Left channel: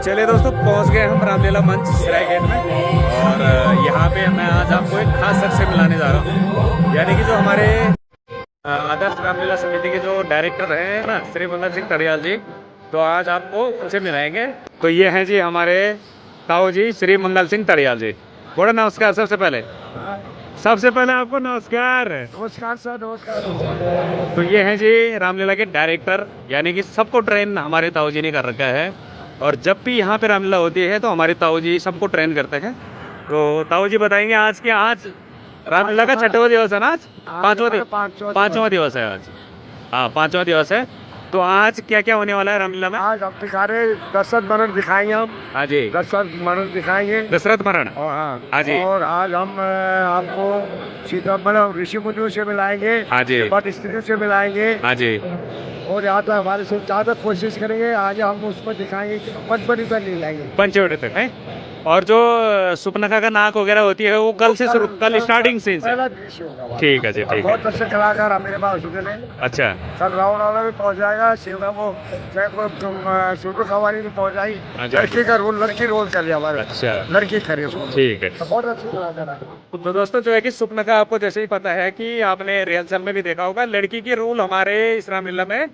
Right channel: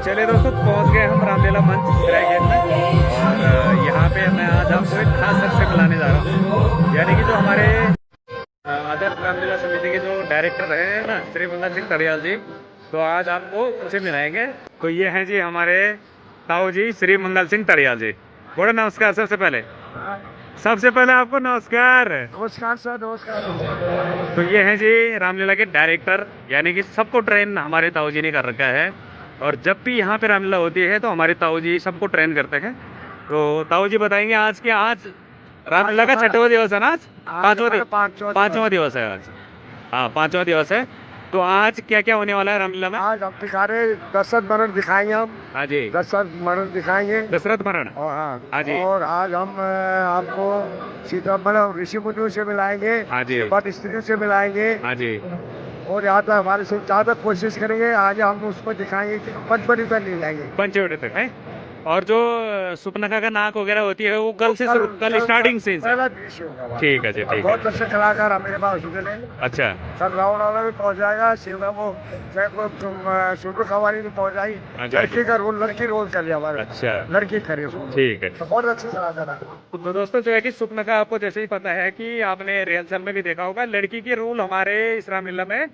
चलिए दोस्तों, पहुंच गए हम रामलीला मंच सराय गेट में। और यहाँ पे मैं आज आपको एक खास शख्स से मिलाने जा रहा हूँ, यानी कि जो हमारे आदर्श रामलीला समिति के जो डायरेक्टर हैं ना, श्री मंगल सिंह तड़ियाल जी। तो आज आपको उनसे मिलाएंगे। तो ये हैं जी हमारे ताऊ जी श्री मंगल सिंह तड़ियाल जी। बोलो नमस्कार। सबसे पहले आपको नमस्कार। नमस्कार सर, नमस्कार। तो ये हैं जी रामलीला के डायरेक्टर, यानी कि सबको ट्रेन हमारे ताऊ जी ने कर रखा है। और जब भी यहाँ पे रामलीला होती है तो हमारे ताऊ जी सबको ट्रेन करते हैं। तो ताऊ जी बताएंगे आज रामलीला का छठवां दिवस है ना, आज पांचवा दिवस है आज। हाँ, 5वां दिवस है। तो आज क्या क्या होने वाला है रामलीला में? आज हम दिखारे दशरथ मरण दिखाएंगे हम। हाँ जी, दशरथ मरण दिखाएंगे। दशरथ मरण। हाँ जी। और आज हम आपको सीता मतलब ऋषि मुनियों से मिलाएंगे। हाँ जी। पट स्त्रियों से मिलाएंगे। हाँ जी। और यहाँ तक हमारे से ज़्यादा कोशिश करेंगे। आज हम उसको दिखाएंगे कि पंचवटी तक नहीं लाएंगे, पंचवटी तक है। और जो सुपनखा का नाक वगैरह होती है वो कल स्टार्टिंग से। ठीक है जी, ठीक है। बहुत अच्छे कलाकार हमारे पास हैं। अच्छा, सर रावण वाला भी पहुँच जाएगा, शिवरा वो सूटर खवारी भी पहुँच जाएगी। लड़की का रोल, लड़की रोल कर लिया हमारा। अच्छा, लड़की करे, ठीक है। बहुत अच्छे कलाकार है। तो दोस्तों जो है कि सुपनखा आपको जैसे ही पता है कि आपने रिहर्सल में भी देखा होगा, लड़की की रोल हमारे इस रामलीला में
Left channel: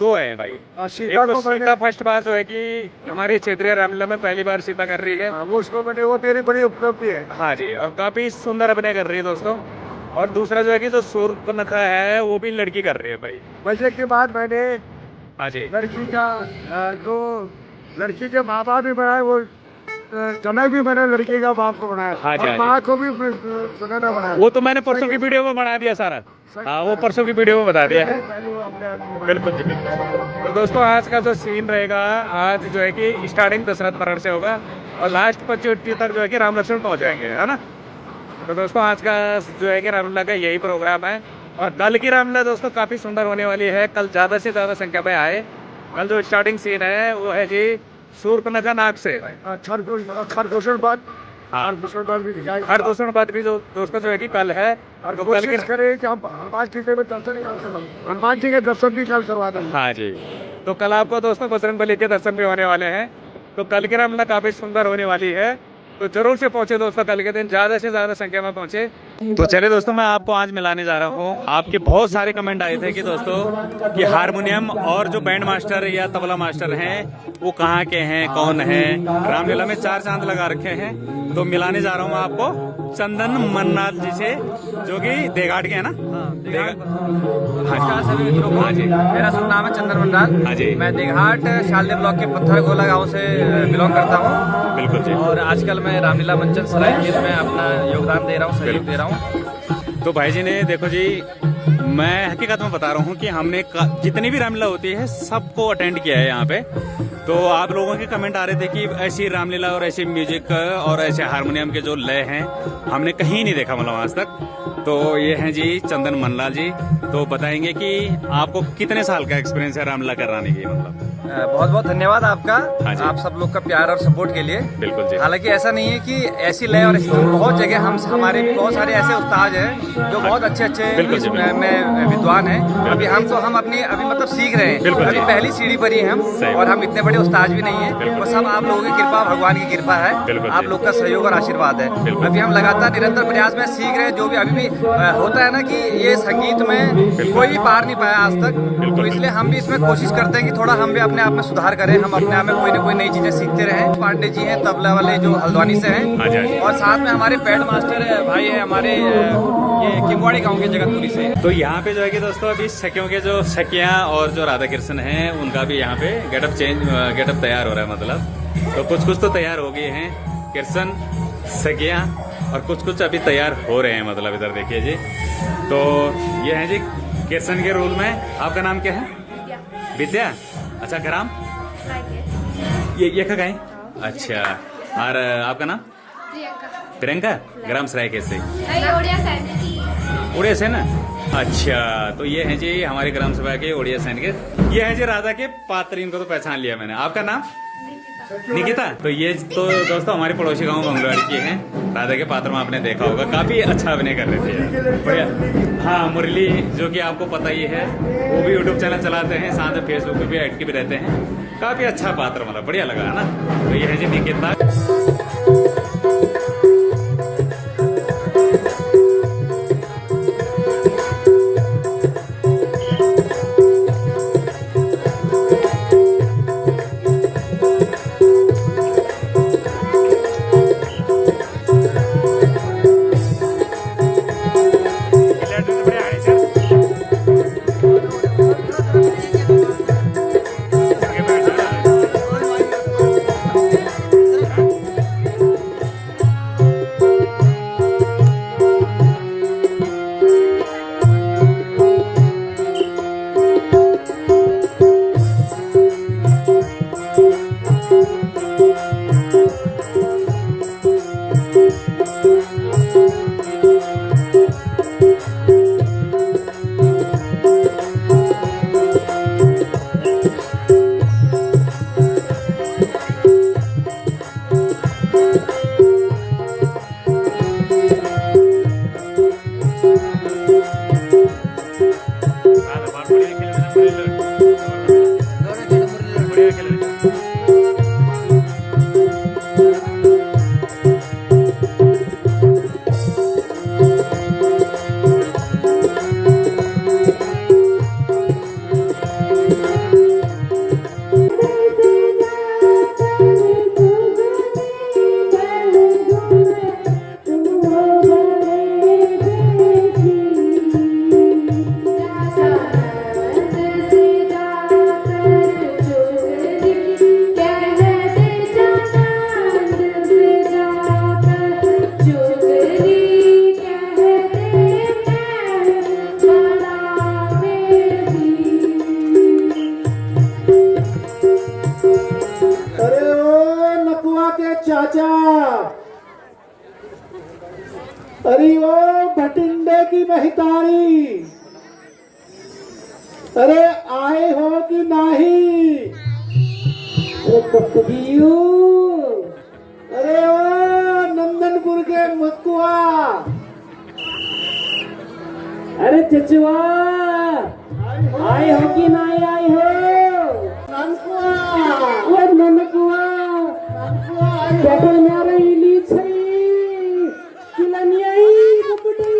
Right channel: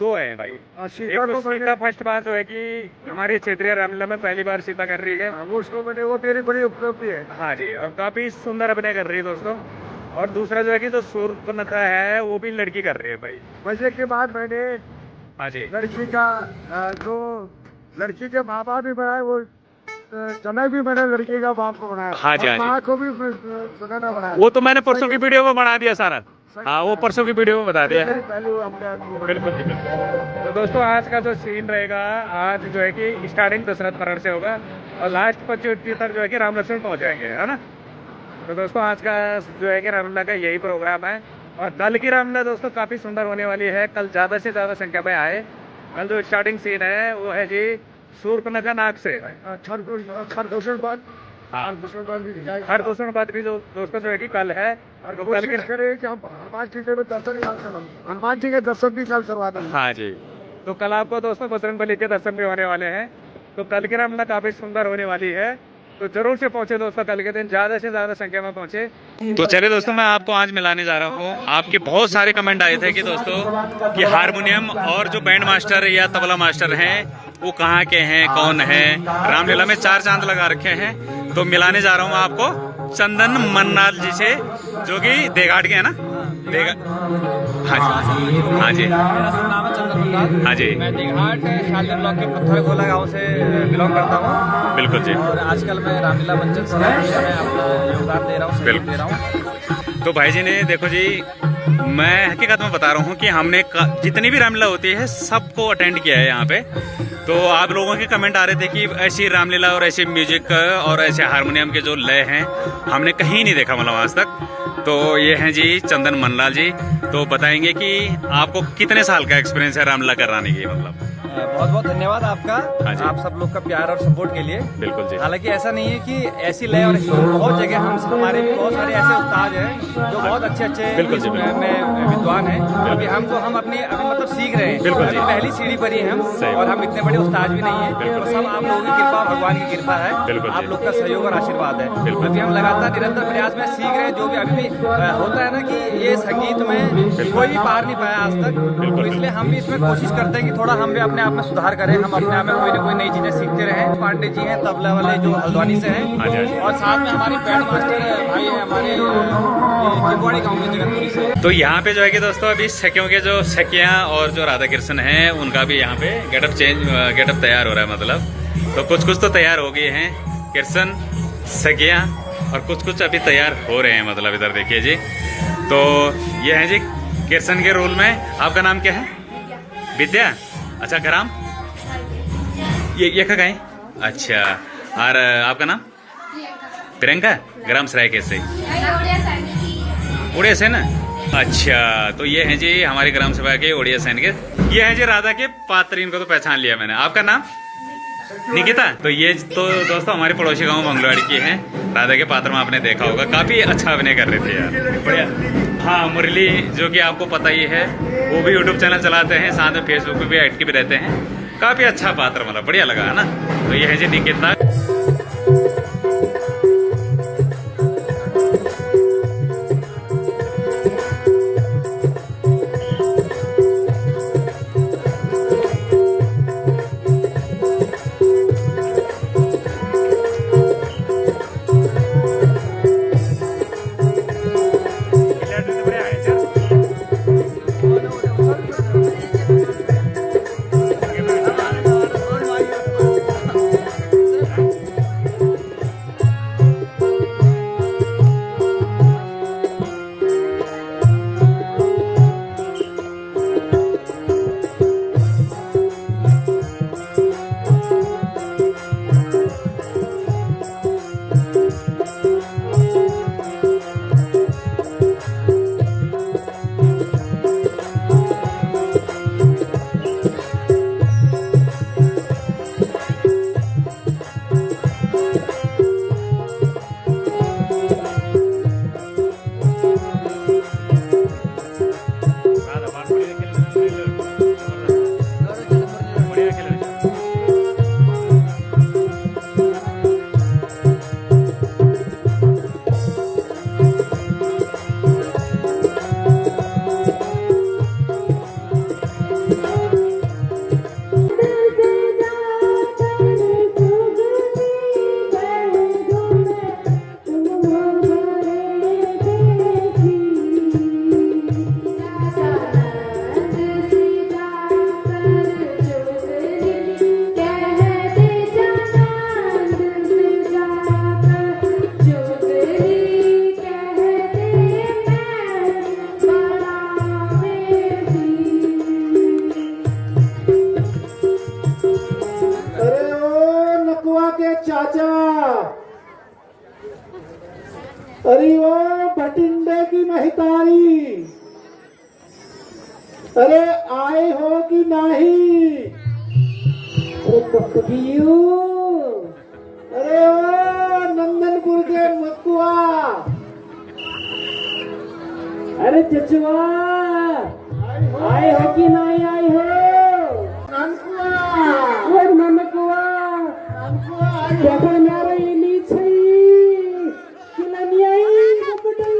2 है भाई। सीता फर्स्ट बार जो है कि हमारी क्षेत्रीय रामलीला में पहली बार सीता कर रही है। वो उसको मैंने वो मेरी बड़ी उपलब्धि है। हाँ जी, और काफी सुंदर अभिनय कर रही है दोस्तों। और दूसरा जो है कि जो सुपनखा है वो भी लड़की कर रही है भाई। बजे के बाद मैंने हाँ जी, लड़की का जो लड़की के माँ बाप भी बनाए, वो जनक भी मैंने लड़की का बाप को बनाया। हाँ जी, माँ को भी सुनहरा बनाया। वो तो मैंने परसों की वीडियो में बना दिया सारा। हाँ, वो परसों की वीडियो में बता दिया है। बिल्कुल जी, बिल्कुल। तो दोस्तों आज का जो सीन रहेगा, आज जो है कि स्टार्टिंग दशरथ मरण से होगा और लास्ट 25 तक जो है कि राम लक्ष्मण पहुंच जाएंगे, है ना। तो दोस्तों आज का जो है कि रामलीला का यही प्रोग्राम है। और कल की रामलीला दोस्तों काफ़ी सुंदर होने वाली है। कल ज़्यादा से ज़्यादा संख्या में आए। कल जो स्टार्टिंग सीन है वो है जी शूर्पणखा नाक से। हरदूषण बात भी जो दोस्तों जो है कि कल है। और कल के करें कि हम हनुमान जी के दर्शन भी कल करवा दें। हाँ जी, तो कल आपको दोस्तों बजरंग बली के दर्शन भी होने वाले हैं। तो कल की रामलीला काफ़ी सुंदर होने वाली है। तो जरूर से पहुंचे दोस्तों, कल के दिन ज़्यादा से ज़्यादा संख्या में पहुंचे। तो चलिए दोस्तों, मैं आपको आज मिलाने जा रहा हूँ। आपके बहुत सारे कमेंट आए थे कि दोस्तों कि हारमोनियम और जो बैंड मास्टर या तबला मास्टर हैं वो कहाँ के हैं, कौन है। रामलीला में 4 चांद लगा रखे हैं। तो मिलाने जा रहा हूँ मैं आपको चंदन मन्नाल जी से, जो कि देघाट के है ना। हाँ जी, हाँ जी। मेरा शुभ नाम है चंदन मन्नाल। हाँ जी। मैं देघाट शालदे ब्लॉक के पत्थरगोला गांव से बिलोंग करता हूँ। बिल्कुल जी। और आजकल मैं रामलीला मंचन सराय में अपना योगदान दे रहा हूँ, सहयोग दे रहा हूँ। तो भाई जी ने देखो जी, मैं हकीकत में बता रहा हूँ कि हमने जितनी भी रामलीला होती है सबको अटेंड किया है यहाँ पे। तो आप लोगों के कमेंट आ रहे थे कि ऐसी रामलीला और ऐसी म्यूजिक और ऐसे हारमोनियम के जो लय हैं हमने कहीं नहीं देखा मतलब आज तक। तो ये हैं जी चंदन मन्नाल जी। तो बताएंगे कि आपको कितने साल का एक्सपीरियंस है रामलीला कराने की मतलब। बहुत बहुत धन्यवाद आपका। हाँ जी। आप सब लोग का प्यार और सपोर्ट के लिए। बिल्कुल जी। हालांकि ऐसा नहीं है कि ऐसी लय और ऐसी धुन बहुत जगह हमारे भी बहुत सारे ऐसे उस्ताद हैं जो बहुत अच्छे में विद्वान हैं। अभी हम अपनी मतलब सीख रहे हैं। अभी पहली सीढ़ी पर ही हम, और हम इतने बड़े उस्ताद भी नहीं है। और सब आप लोगों की कृपा, भगवान की कृपा है। आप लोग का सहयोग और आशीर्वाद है। अभी हम लगातार निरंतर प्रयास में सीख रहे हैं। जो भी अभी भी होता है ना कि ये संगीत में कोई भी पार नहीं पाया आज तक। तो इसलिए हम भी इसमें कोशिश करते हैं कि थोड़ा हम भी अपने आप में सुधार करें। हम अपने आप में कोई ना कोई नई चीजें सीखते रहें। पांडे जी हैं तबला वाले जो हल्द्वानी से हैं, और साथ में हमारे बैंड मास्टर भाई है हमारे ये किमवाड़ी गांव के जगतपुरी से। तो यहाँ पे जो है कि दोस्तों अभी सखियों के जो सखियाँ और जो राधा कृष्ण हैं उनका भी यहाँ पे गेटअप तैयार हो रहा है मतलब। तो कुछ तो तैयार हो गए हैं कृष्ण सखियाँ, और कुछ अभी तैयार हो रहे हैं मतलब। इधर देखिए जी, तो ये है जी कृष्ण के रोल में। आपका नाम क्या है? विद्या। अच्छा, ग्राम ये का है? अच्छा, और आपका नाम? प्रियंका। ग्राम सराय कैसे? उड़िया से ना। अच्छा, तो ये हैं जी हमारे ग्राम सभा के उड़िया सैन के। ये हैं जी राधा के पात्र, इनको तो पहचान लिया मैंने। आपका नाम? निकिता। तो ये तो दोस्तों हमारे पड़ोसी गांव मंगलवाड़ी के हैं। राधा के पात्र में आपने देखा होगा, काफी अच्छा अभिनय कर रहे थे यार, बढ़िया। हाँ, मुरली जो कि आपको पता ही है, वो भी यूट्यूब चैनल चलाते हैं, साथ में फेसबुक पे भी एक्टिव रहते हैं। काफी अच्छा पात्र मतलब बढ़िया लगा है ना। तो ये है जी निकिता। अरे ओ भटिंडे की महितारी, अरे आए हो कि नहीं? अरे ओ नंदनपुर के मकुआ, अरे चचुआ आए हो कि नहीं आए हो? ननकुआ ओ ननकुआ देखा मेरा इली छई किलनी आई कुकुटई।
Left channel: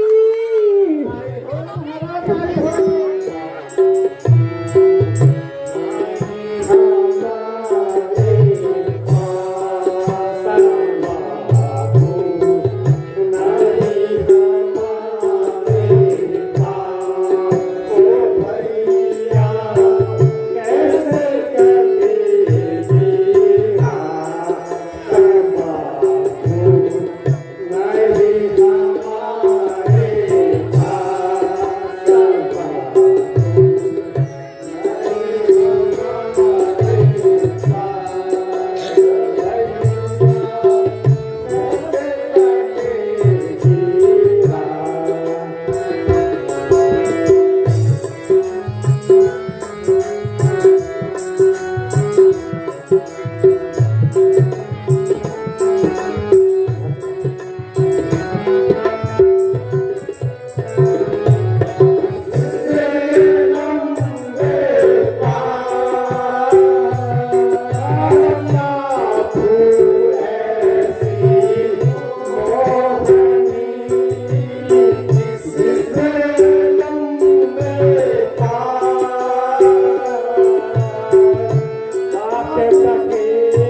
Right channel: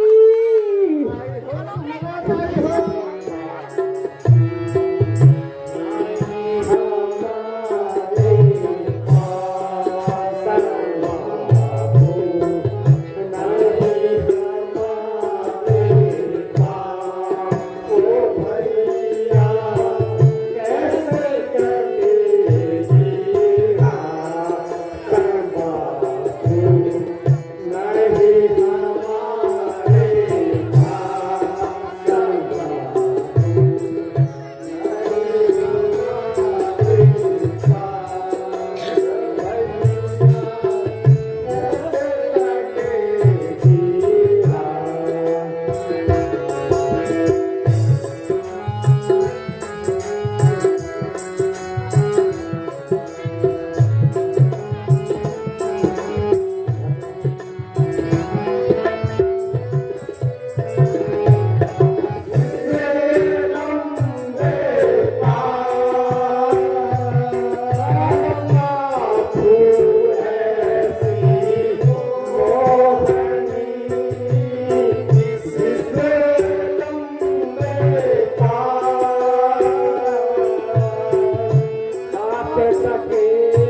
Thank you.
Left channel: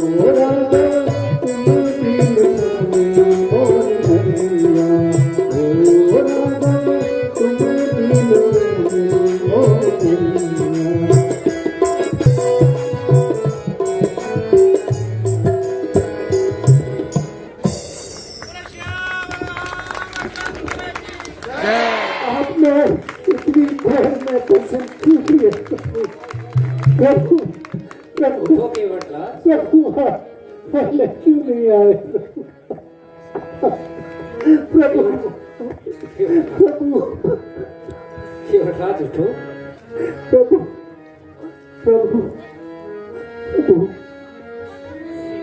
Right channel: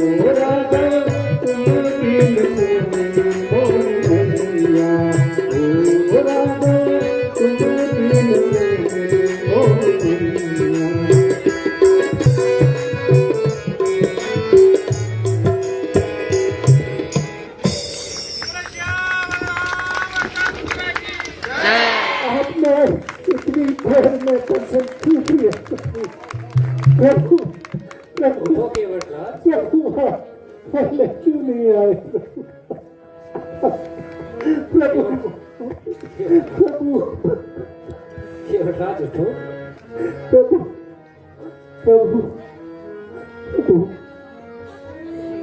राधा तुम बिन सजनी मोरी नैया, ओ राधा तुम बिन सजनी मोरी नैया। आपने इतनी देर में दर्शन क्यों किए प्रभु? प्रभु प्रभु पहले क्यों नहीं आए प्रभु? प्रभु प्रभु प्रभु प्रभु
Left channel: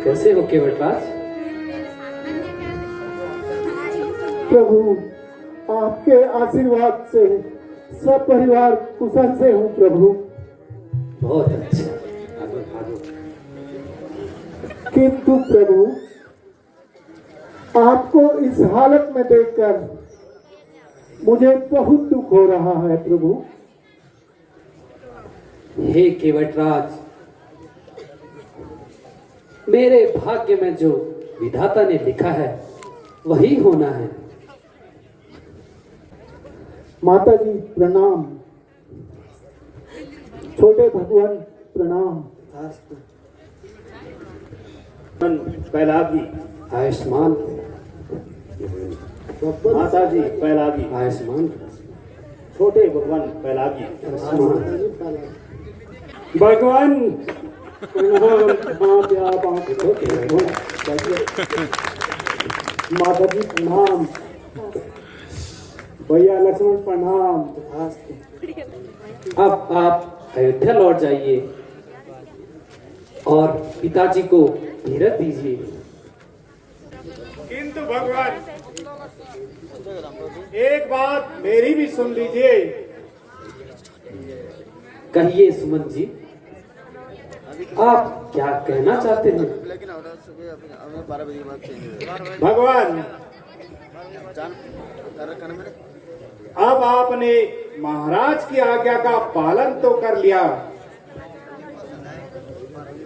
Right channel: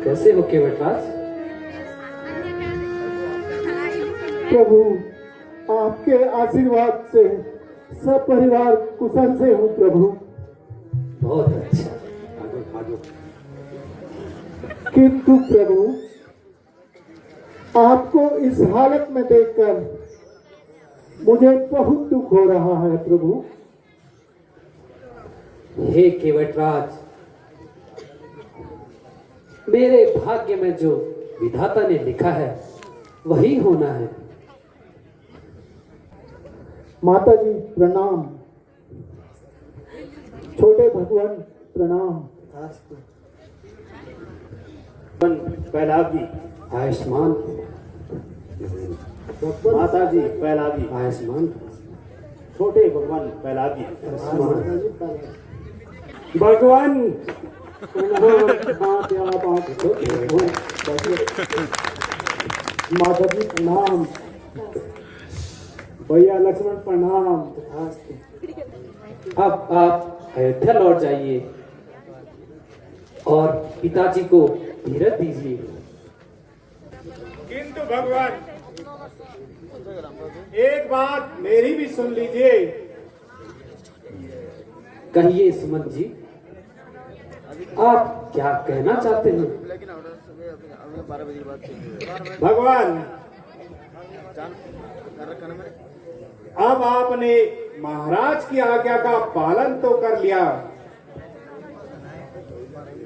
कैसे हो केवटराज? प्रभु आपके आशीर्वाद से सब परिवार कुशल से हूँ प्रभु। बहुत अच्छा। किंतु प्रभु आपको इस हालत में देखकर मुझे बहुत दुख हो रहा है प्रभु। हे केवटराज, मेरे भाग्य में जो विधाता ने लिखा है वही होना है। माता जी प्रणाम, छोटे भगवान प्रणाम। पहलाद जी आयुष्मान, माता जी पहलाद जी, आयुष्मान, छोटे भगवान पहलाद जी, भगवान माता जी प्रणाम, भैया लक्ष्मण प्रणाम। अब आप अयोध्या लौट जाइए और पिताजी को धीरज दीजिए। किंतु भगवान एक बात मेरी भी सुन लीजिए। कहिए सुमन जी, आप क्या कहना चाहते हैं? भगवान अब आपने महाराज की आज्ञा का पालन तो कर लिया,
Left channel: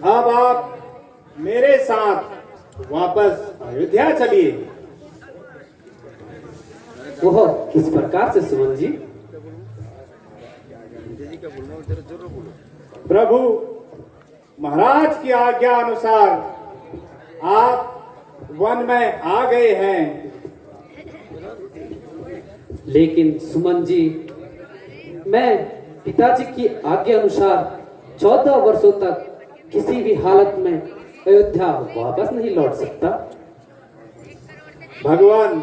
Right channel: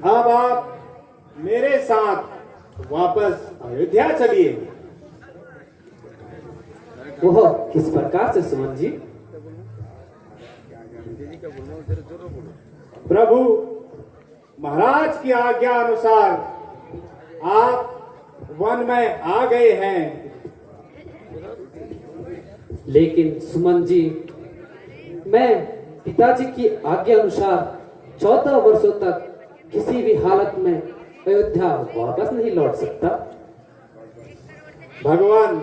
अब आप मेरे साथ वापस अयोध्या चलिए। वह किस प्रकार से सुमन जी? प्रभु महाराज की आज्ञा अनुसार आप वन में आ गए हैं, लेकिन सुमन जी, मैं पिताजी की आज्ञा अनुसार 14 वर्षों तक किसी भी हालत में अयोध्या वापस नहीं लौट सकता। भगवान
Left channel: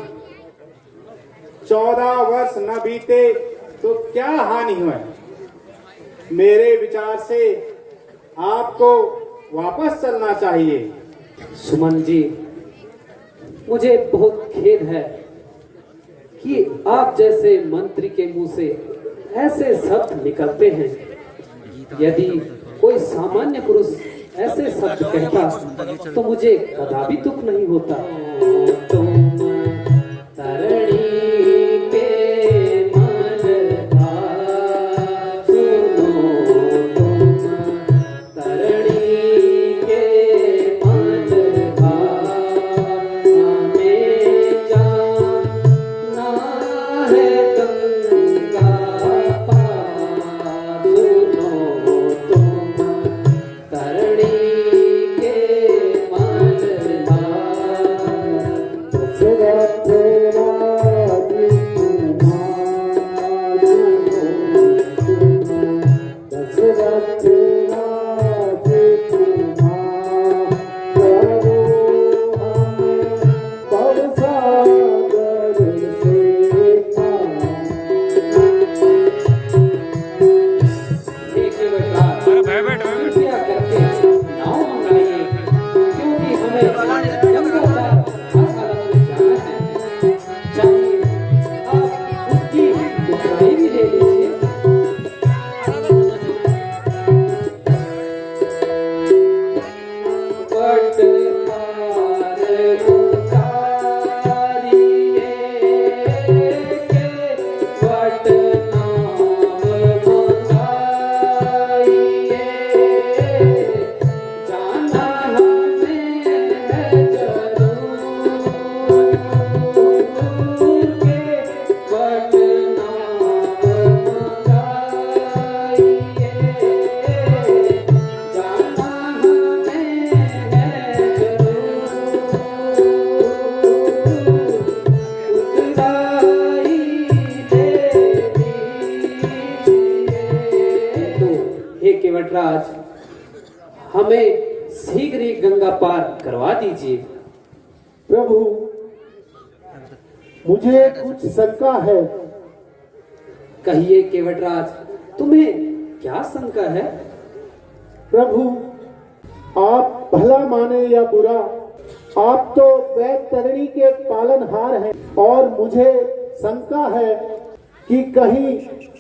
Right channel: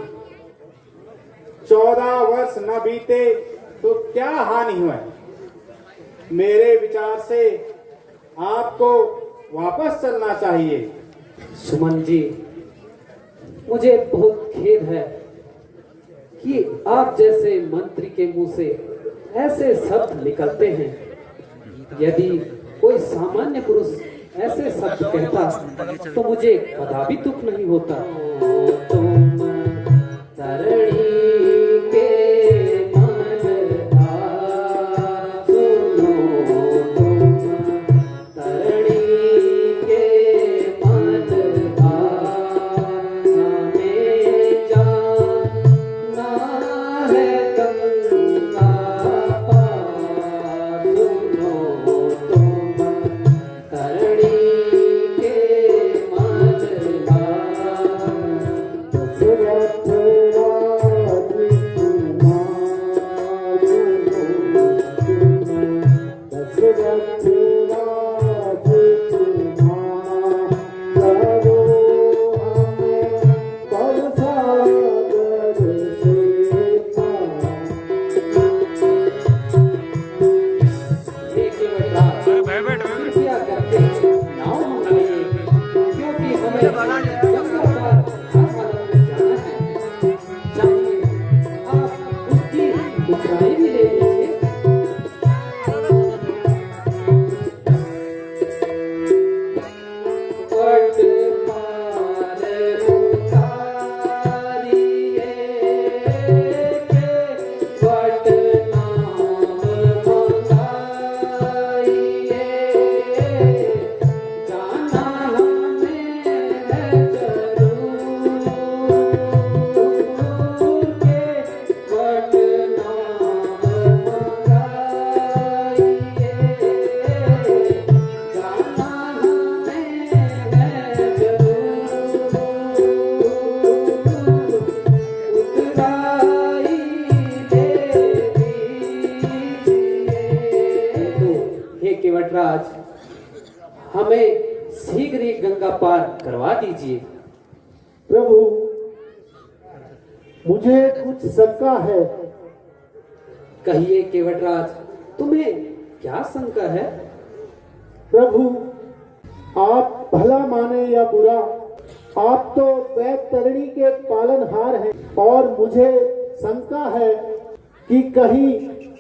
14 वर्ष न बीते तो क्या हानि हुई? मेरे विचार से आपको वापस चलना चाहिए। सुमन जी, मुझे बहुत खेद है कि आप जैसे मंत्री के मुंह से ऐसे शब्द निकलते हैं। यदि कोई सामान्य पुरुष ऐसे शब्द कहता तो मुझे कदापि दुख नहीं होता। तरणी के मन तरणी के मन हमें जाना है गंगा पार। तरणी के मन भी गंगा पार करवा दीजिए। प्रभु, मुझे कुछ शंका है। कहिए केवटराज, तुम्हें क्या शंका है? प्रभु, आप भला माने या बुरा, आप तो वैतरणी के पालनहार हैं और मुझे शंका है कि कहीं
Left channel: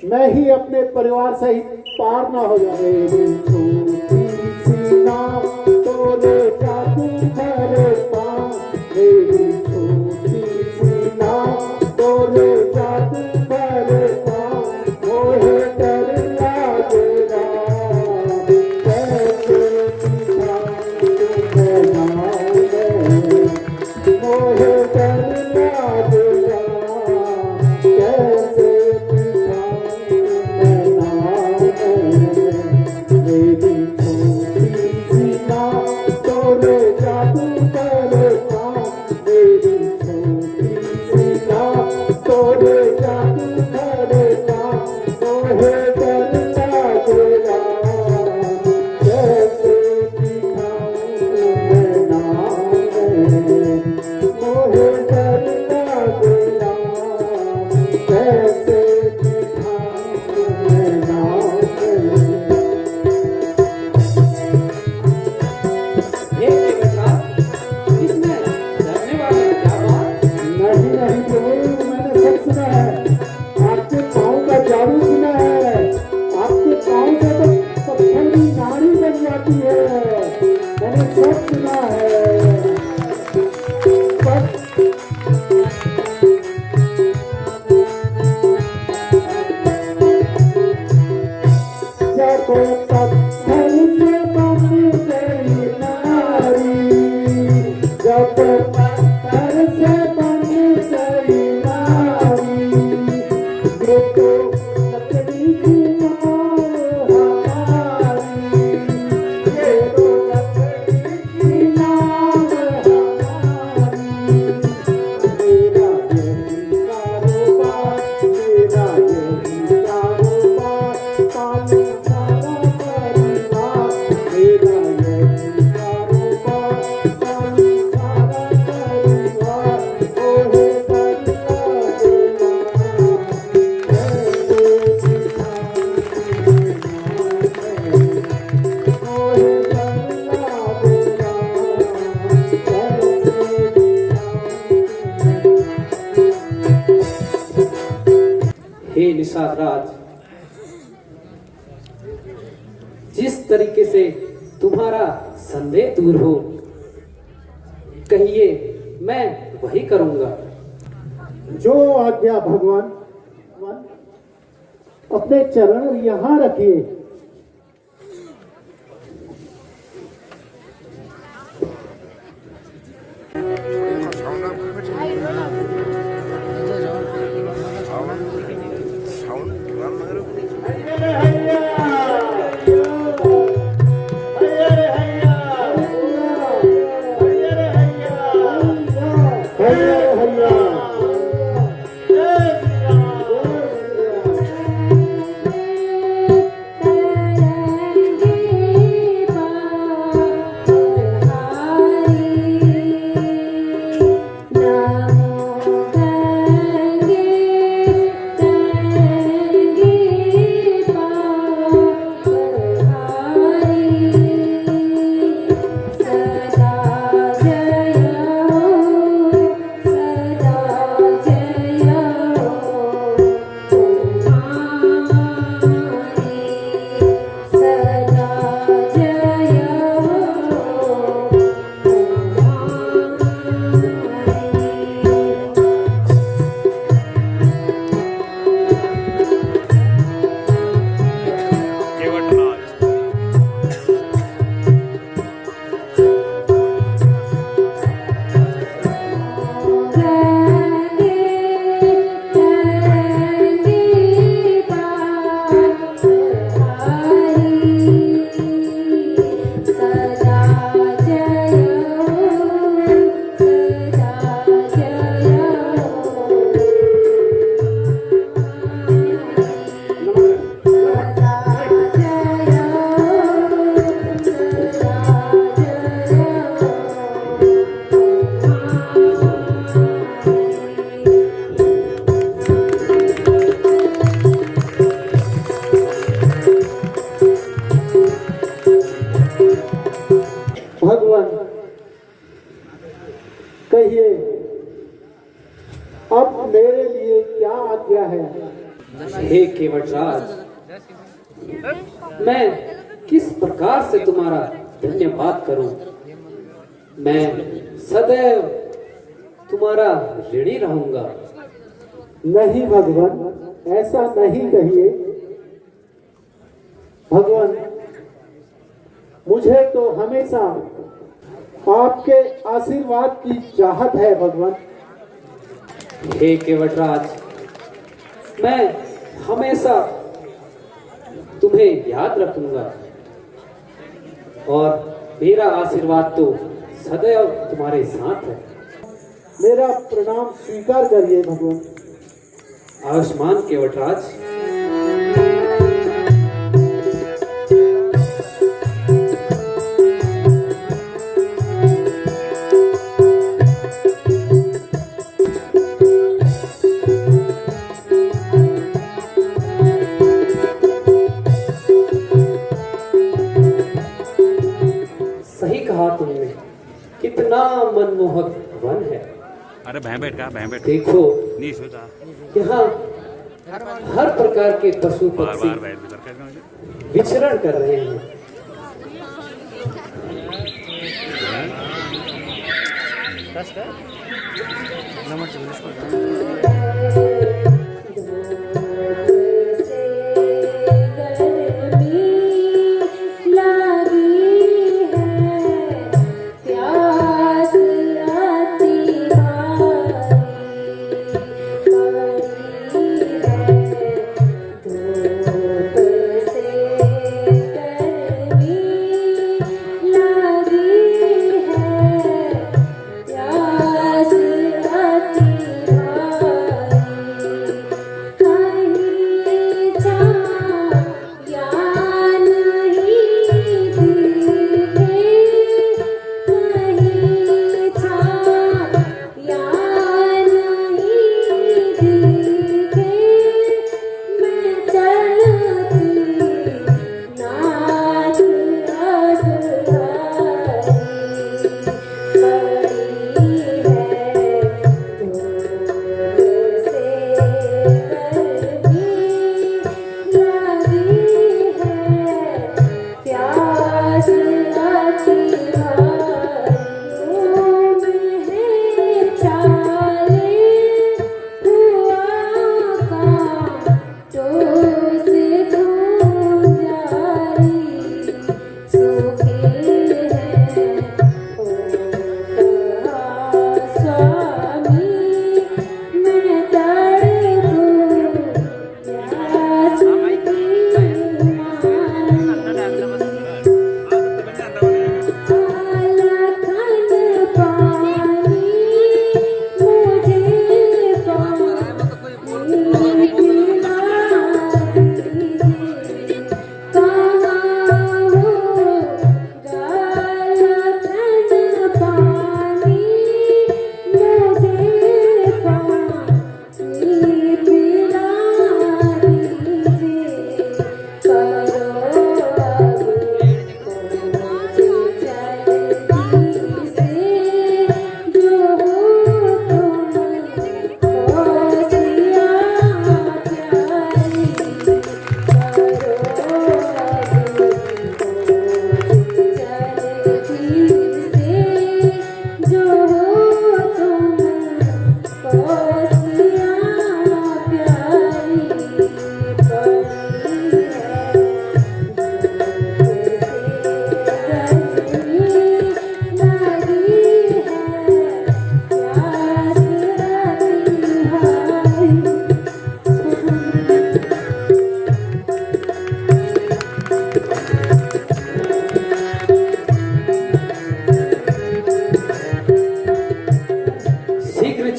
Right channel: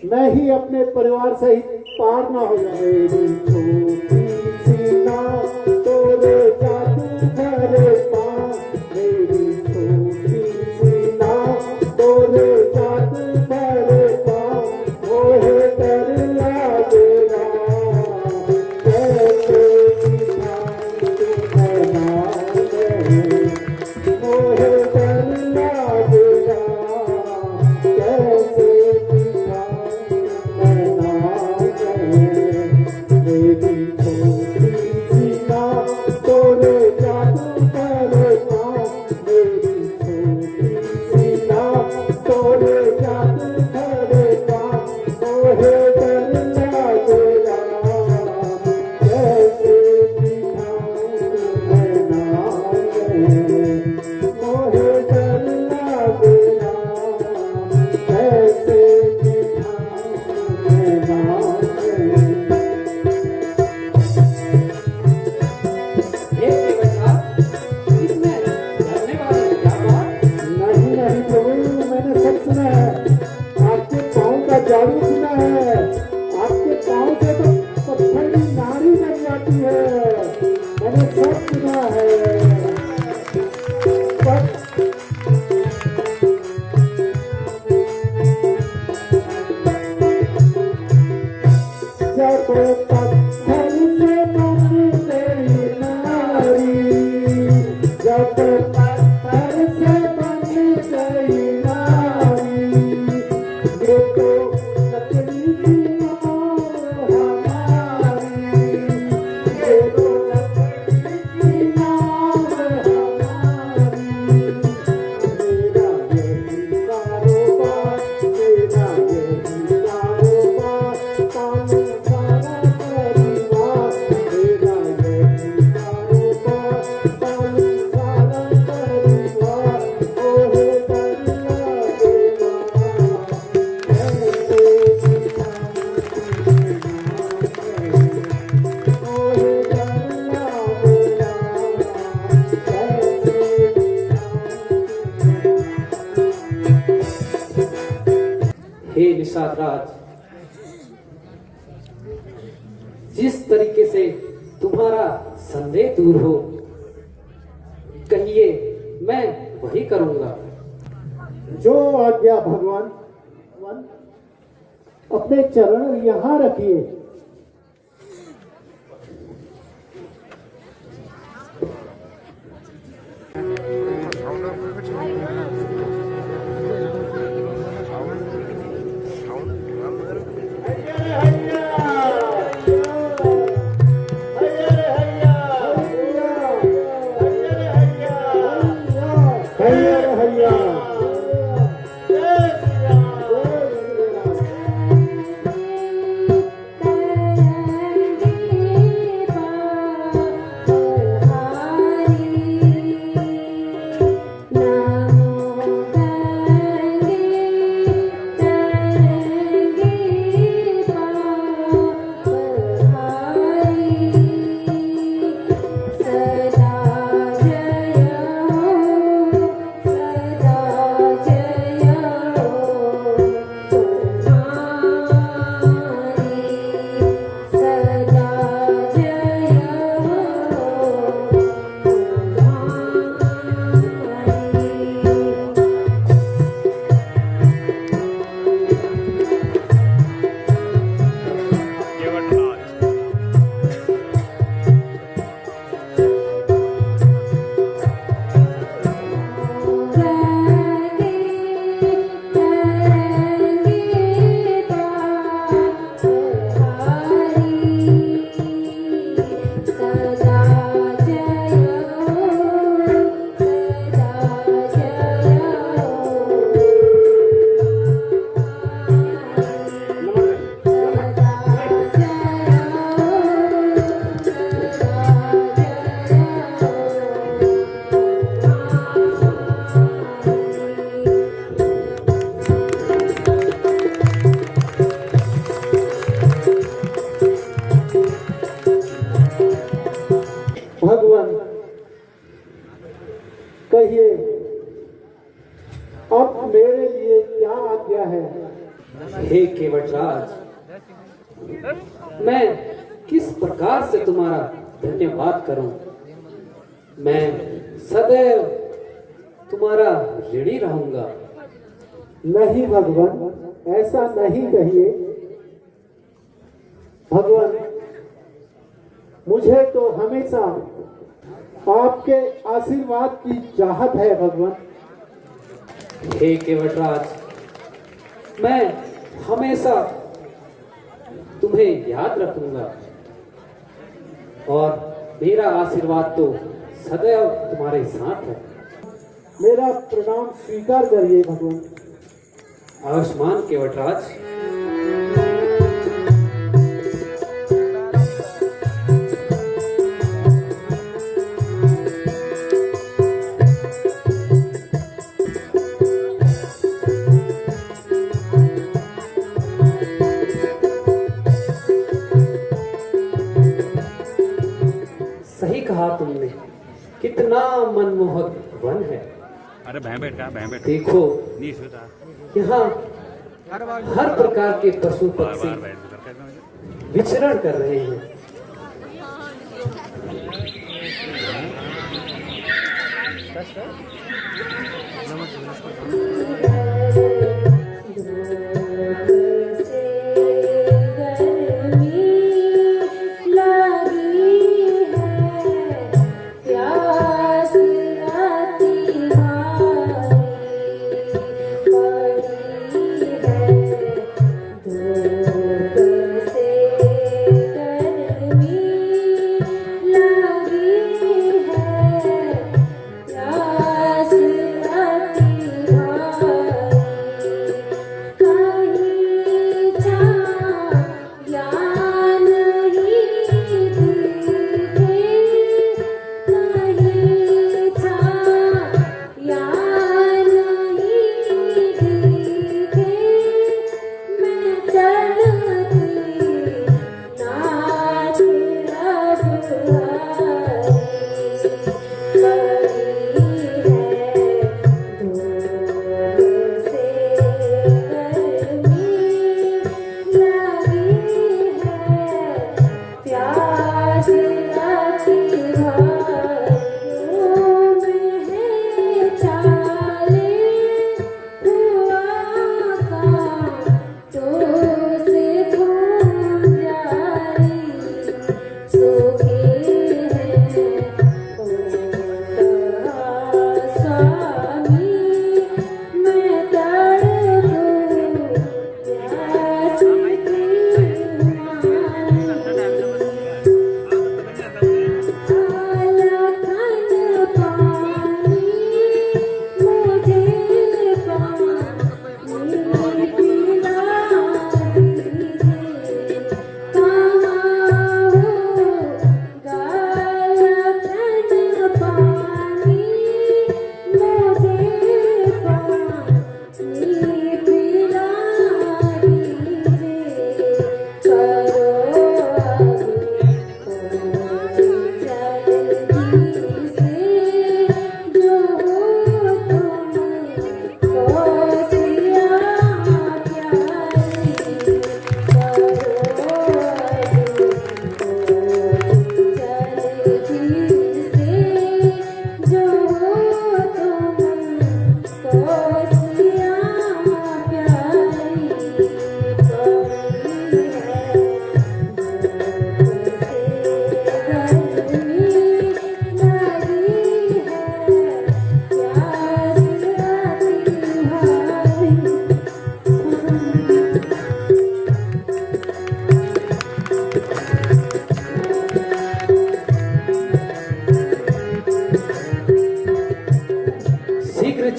मैं ही अपने परिवार सहित पार न हो जाए। छोटी सी नाव तोले जाती मेरे पाँव, मेरी छोटी सी नाव तोले जाती मेरे पाँव, मोहे डर लागेगा कैसे दिखाऊं मैं नाव में, मोहे डर लागेगा कैसे मेरी छोटी सी नाव तोले जादू मेरे पाँव, मेरी छोटी सी नाव तोले जादू मेरे पाँव, मोहे डर लागेगा कैसे दिखाऊं मैं नाव में, मोहे डर लागेगा कैसे दिखाऊं मैं नाव में। हे केवटराज, इसमें डरने वाली क्या बात? नहीं नहीं प्रभु, मैंने सब सुना है। आपके पाँव का जादू सुना है। आपके पाँव से तो पत्थर की नारी बन जाती है। मैंने सब सुना है। जब पत्थर से बन गई नारी, जब पत्थर से बन गई नारी, ये तो लकड़ी की नाव हमारी, ये तो लकड़ी की नाव हमारी। मेरा यही कारोबार, मेरा यही कारोबार, पानी सारा परिवार, मेरा यही कारोबार, पानी सारा परिवार, ओहे डर लागेगा कैसे दिखाऊं मैं नाव में, ओहे डर लागेगा कैसे हे निषाद राज, जिस तरीके से तुम्हारा संदेह दूर हो, कहिए मैं वही करूंगा। जो आज्ञा भगवान। अपने चरण यहाँ रखिए। कहिए अब मेरे लिए क्या आज्ञा है। हे केवटराज, मैं किस प्रकार से तुम्हारा धन्यवाद करूं। मैं सदैव तुम्हारा ऋणी रहूंगा। नहीं भगवान, ऐसा नहीं कहिए। भगवान, मुझे तो हमेशा आपके आशीर्वाद की चाहत है भगवान। हे केवटराज, मैं हमेशा तुम्हें याद रखूंगा और मेरा आशीर्वाद तो सदैव तुम्हारे साथ है। मेरा प्रणाम स्वीकार करिए भगवान। आयुष्मान केवटराज। सही कहा तुमने, कितना मनमोहक वन है। अरे भैंबेट का भैंबेट देखो, नहीं सोचा यहाँ हर प्रकार के पशु बार पक्षी बार बैठ विचरण कर रहे हैं।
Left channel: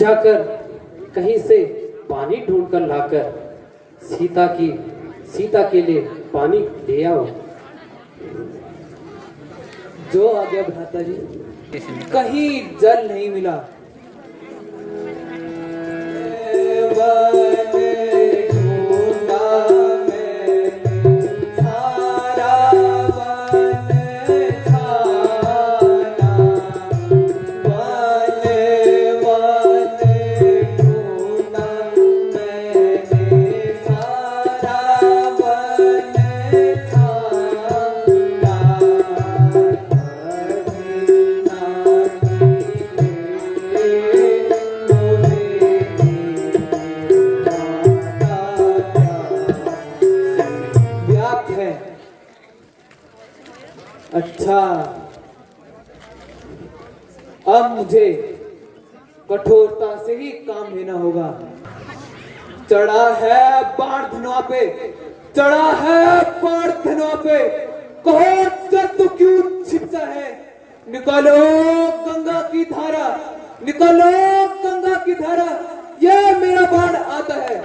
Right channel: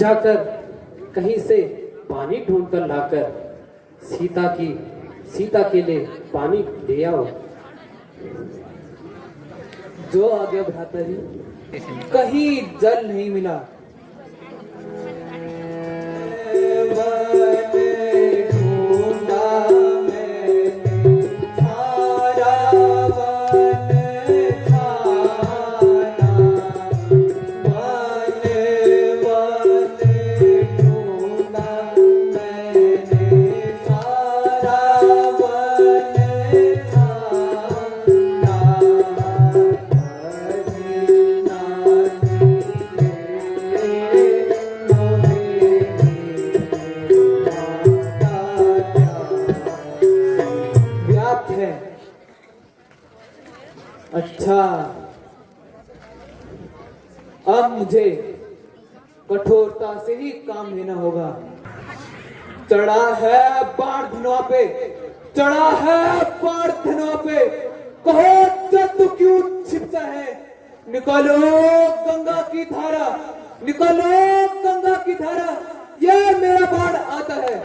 जाकर कहीं से पानी ढूंढकर लाकर सीता के लिए पानी ले आओ। जो आ गया भ्राता जी, कहीं जल नहीं मिला। अब मुझे कठोरता से ही काम लेना होगा। चढ़ा है बाढ़ धनवा पे, चढ़ा है बाढ़ धनवा पे, कहो तो क्यों छिपता है? निकालो गंगा की धारा, निकालो गंगा की धारा, ये मेरा बाढ़ आता है।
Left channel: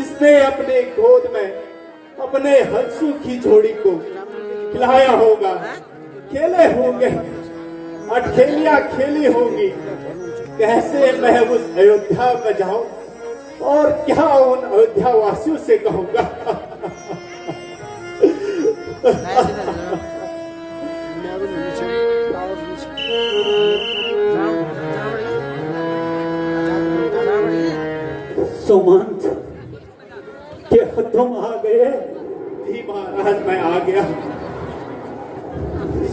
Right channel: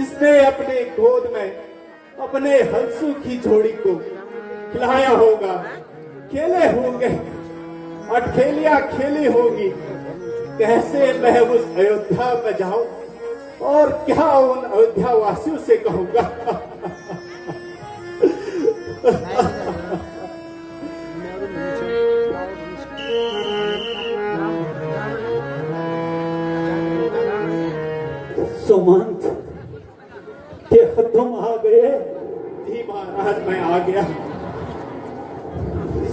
जिसने अपने गोद में अपने हंसों की जोड़ी को खिलाया होगा, खेले होंगे, अठखेलियां खेली होंगी। कैसे मैं उस अयोध्या में जाऊं और क्या उन अयोध्या वासियों से कहूंगा। सुमंत, क्या तुम आ गए? जी महाराज, मैं आ गया।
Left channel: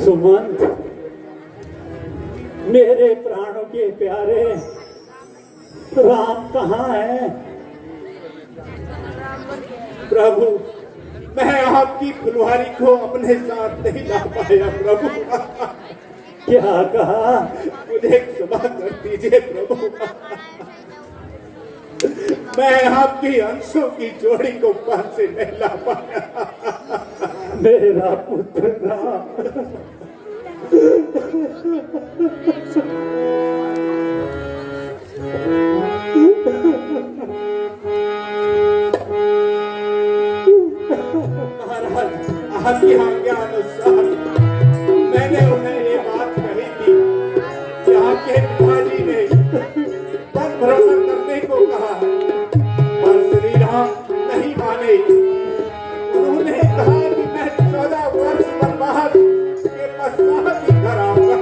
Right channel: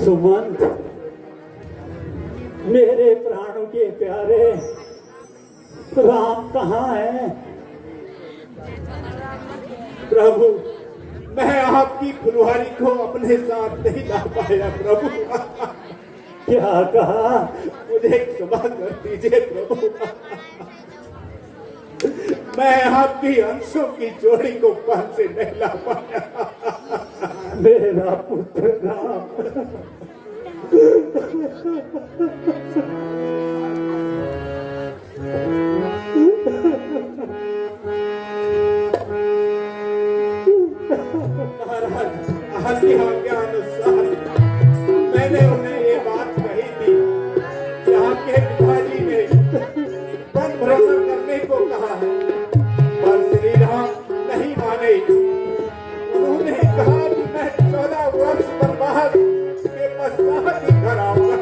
सुमंत, मेरे प्राणों के प्यारे, राम कहाँ है? प्रभु, मैं आपकी फुलवारी को अपने साथ नहीं ला पाया प्रभु। क्या कहा? मुझे क्षमा कर दीजिए प्रभु। मैं आपकी अंशों की जोड़ी को पास से नहीं ला पाया। मेरा पुत्र राम। महाराज, आपकी आज्ञा अनुसार मैंने उन्हें ये बात कही थी कि आपके पिताजी ने वन भ्रमण करने को कहा है, और श्री राम नहीं माने। उन्होंने कहा कि मैं 14 वर्ष वनवास के पश्चात ही घर आऊंगा।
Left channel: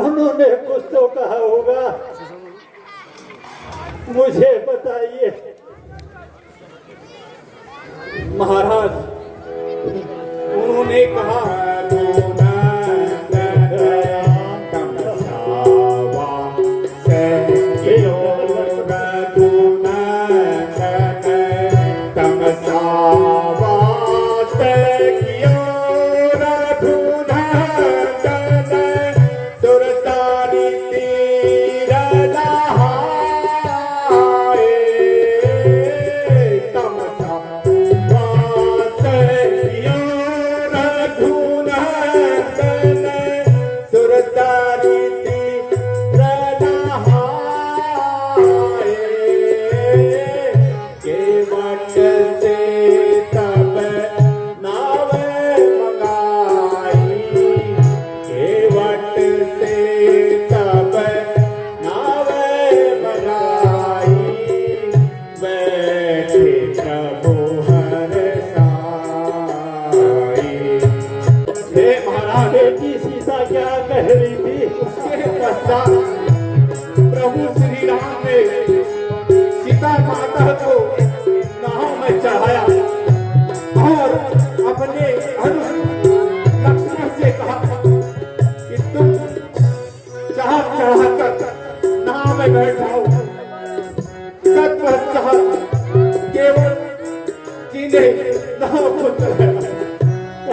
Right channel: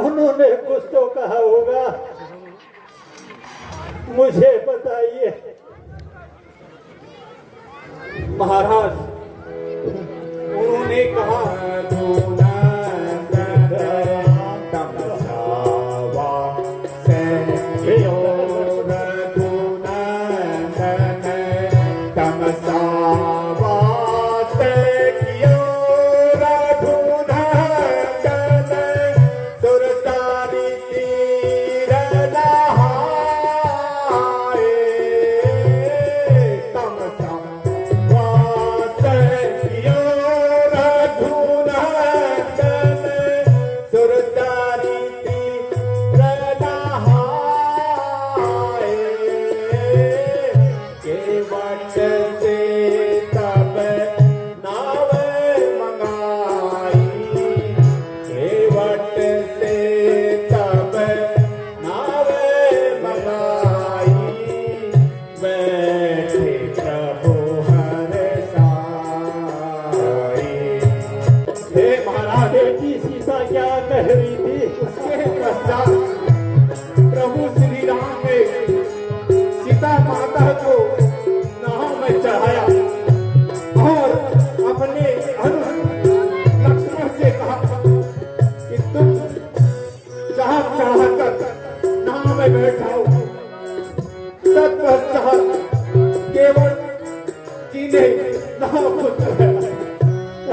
उन्होंने कुछ तो कहा होगा, मुझे बताइए। महाराज, उन्होंने कहा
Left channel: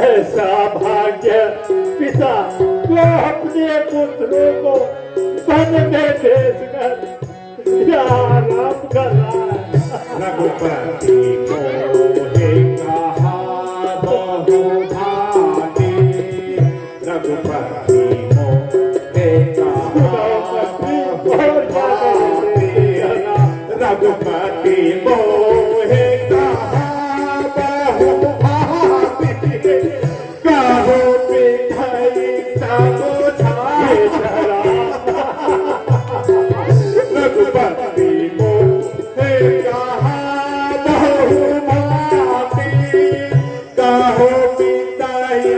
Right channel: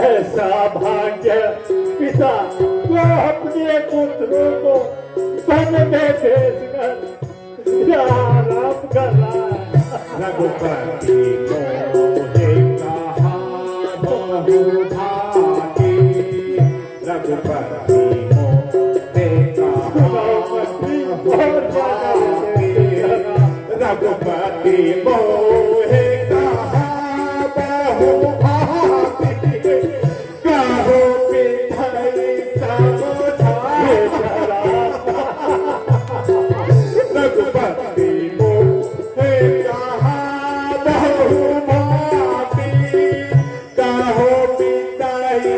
ऐसा भाग्य पिता वो अपने पुत्रों को वन में भेजकर या राम कर रहा है। रघुपति को हे कहा बहुभागी, रघुपति को हे कहा बहुभागी, रघुपति मोहे कहा बहुभाति कहो पिठाई समझाए रघुपति मोहे कहा बहुभाति कहो पिठाई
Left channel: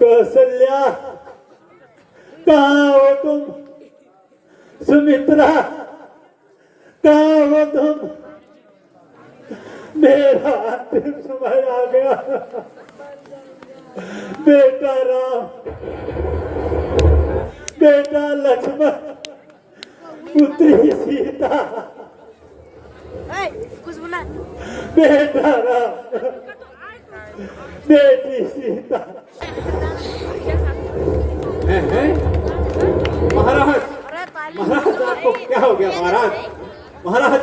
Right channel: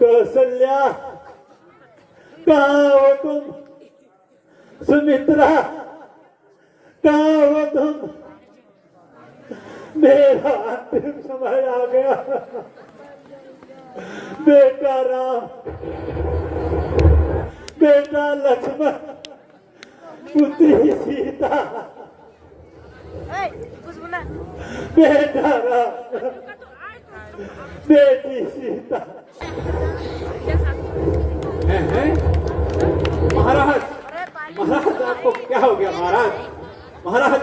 कौशल्या, कहाँ हो तुम? सुमित्रा, कहाँ हो तुम? मेरा अंतिम समय आ गया। बेटा राम, बेटा लक्ष्मण, पुत्री सीता, बेटा राम, बेटी सीता। महाराज, महाराज आपको क्या हो गया महाराज? महाराज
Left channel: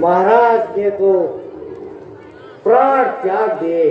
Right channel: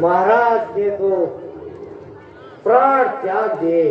महाराज ने तो प्राण त्याग दिए।